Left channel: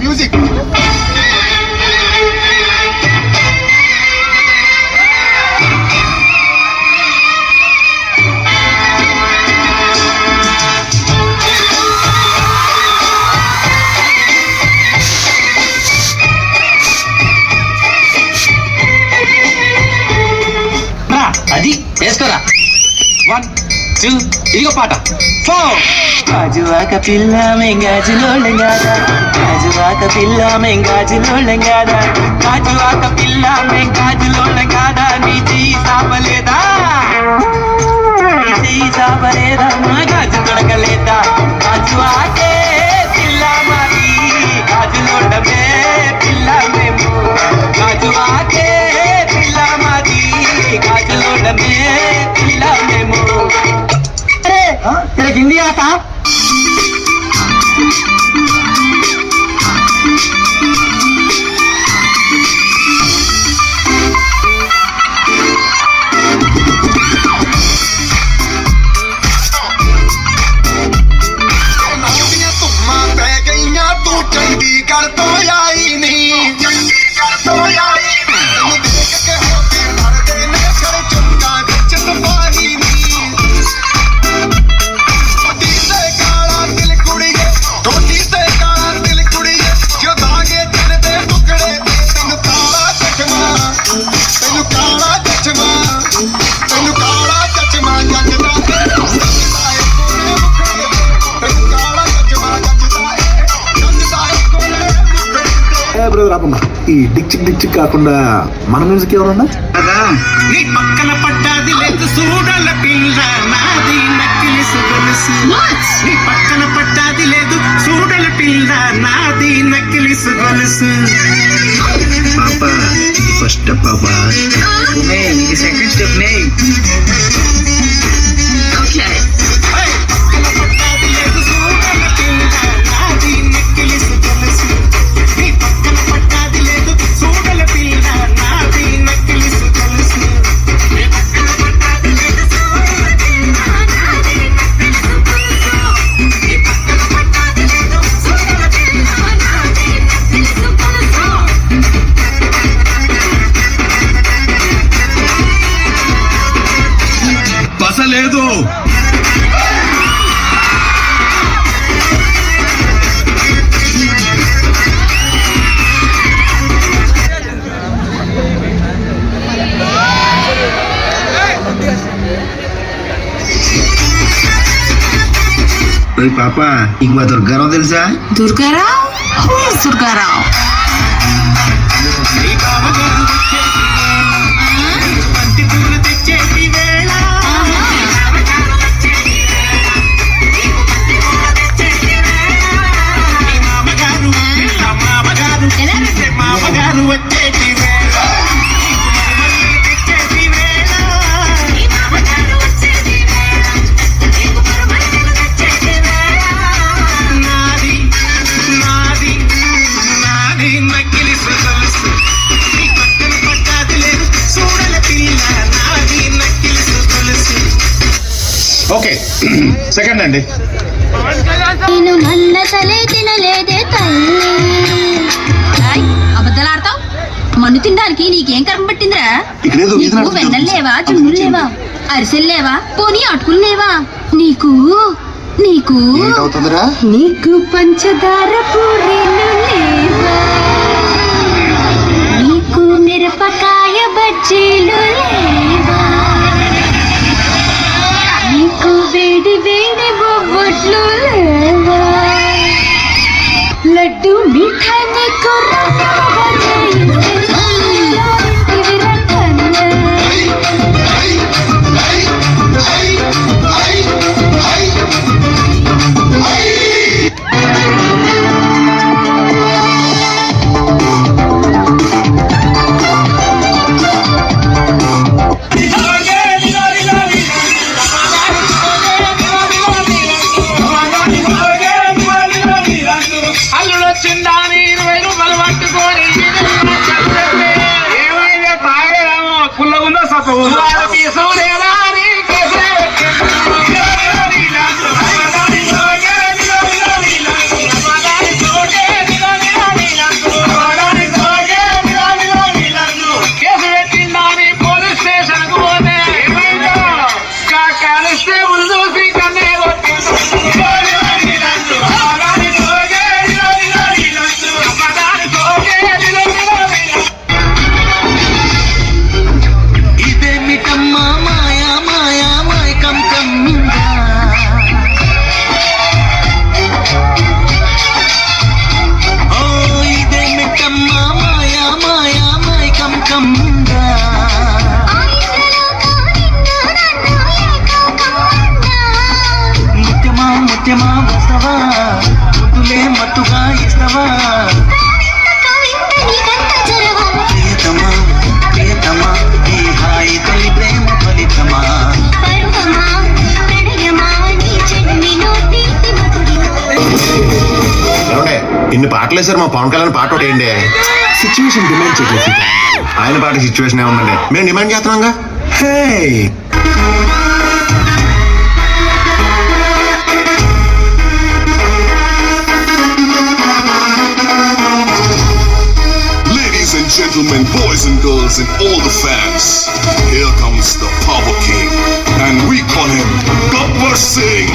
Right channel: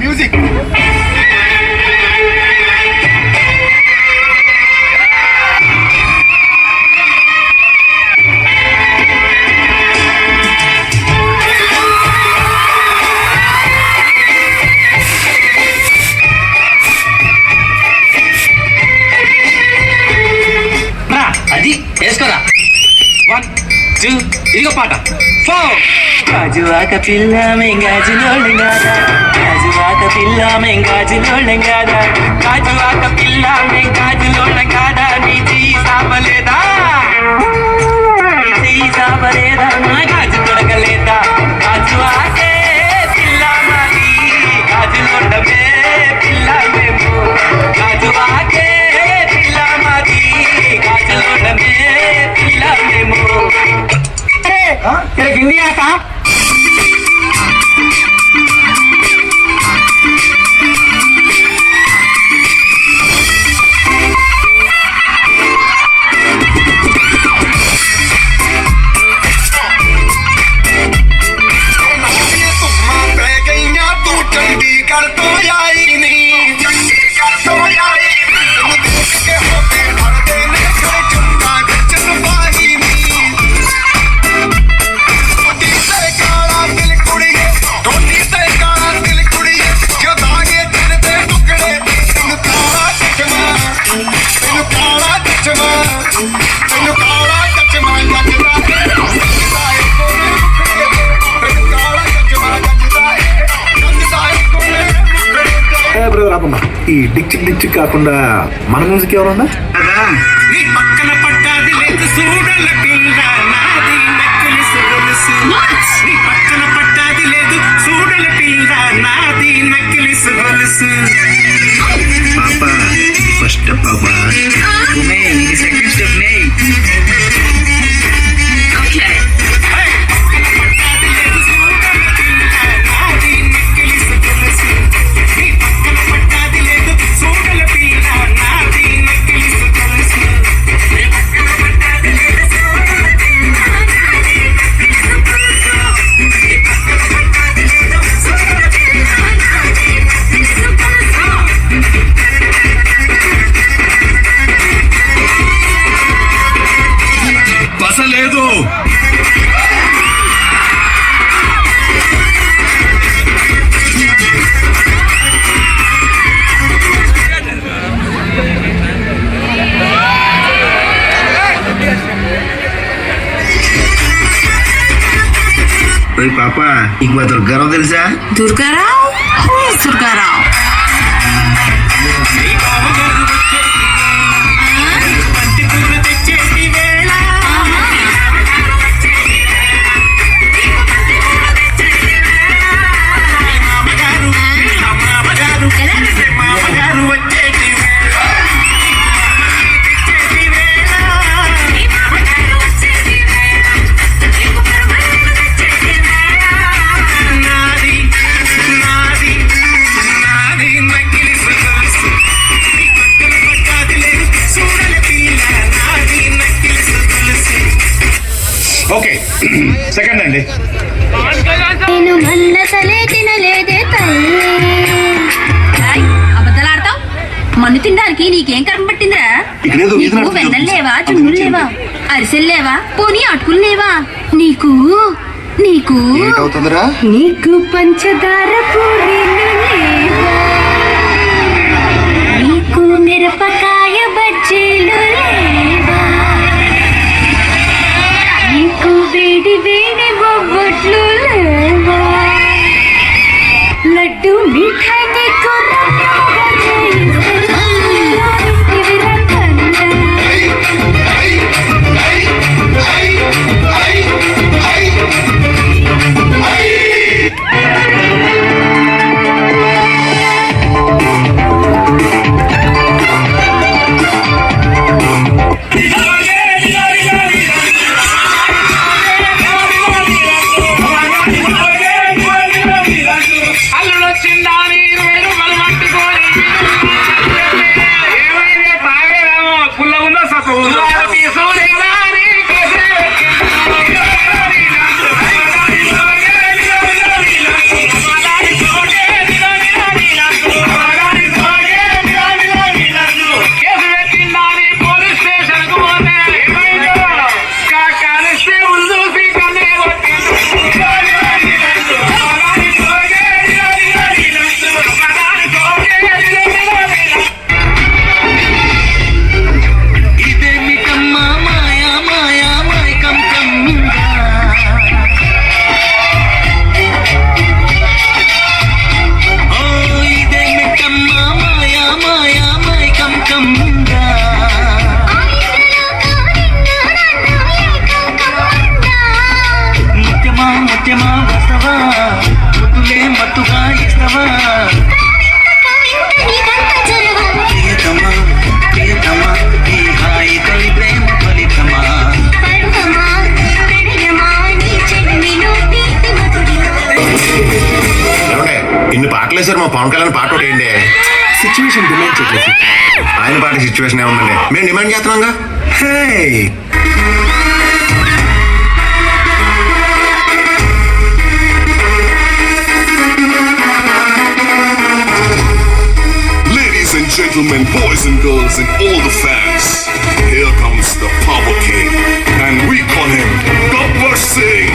Music అది వేసుకోరా 1 2 ఇదిగో పాట 4 గాజువాక పిల్ల మెంగాజులోళంగాదా గాజువాక పిల్ల మెంగాజులోళంగాదా గాజువాక పిల్ల మెంగాజులోళంగాదా నీ సాపలేదా నా గాజు తొడగలేదా గాజువాకే పిల్ల మాది గాజులోడమే పిల్ల మేము గాజువాకే పిల్ల మాది గాజులోడమే పిల్ల మేము హిందీ ఆట ఈ డిక్చిక్ డిక్చిక్ కాకుండా మన మ్యూజిక్ ఎవరన్నా నీ పక్కన పడ్డది లేదు చూడల పిల్ల నాది నక్కిలిసు గొలుసు నీ పక్కన పడ్డది లేదు చూడల పిల్ల నాది నక్కిలిసు గొలుసు ఫస్ట్ పాపా ఇది సెకండ్ స్టెప్ నే లేదు పాప నీకు మా దుర్గారావు తెలుసా? దుర్గారావు దుర్గారావు ఓకే సెకండ్ అండి అబద్ధాలాడతావు మన్ను తినడానికి నీకేం కర్మ పట్టిందిరా? నీకు వెన్నెలు లేవా, చున్నులు లేవా, అరిసెలు లేవా, పోనీ అటుకులు లేవా? నీకు నీకు నీకు పంచదార పూరీలు లేవా, నీకు మిరపకాయ బజ్జీలు లేవా, నీకు వేడి వేడి బొబ్బట్లు లేవా, లడ్డు మిఠాయి నీకు పుల్ల ఉందా సప్పు ఇదేమిటమ్మా మాయా మాయా మైకం కమ్మిందా ఓ ఇదేమిటమ్మా మాయా మాయా మైకం కమ్మిందా ముత్యమా ముత్యమా వస్తవా ముద్దులే మత్తుగా ఇస్తవా ప్రియతమా ప్రియతమా ఈ హాయి తొలి ప్రేమ ఫలితమా ఏమండే ఇన్ని పాటలు వేసారు మా పవన్ కళ్యాణ్ పాట ఒకటి ఏంటి సిచ్యువేషన్ డిమాండ్ చేయలేదు ఆయన పాట సిచ్యువేషన్ ఏముందండి మేము డిమాండ్ చేస్తున్నాంగా hey Ladies and gentlemen, boys and girls, and all the fans, here comes the Power King, and we call him Gabbar Singh.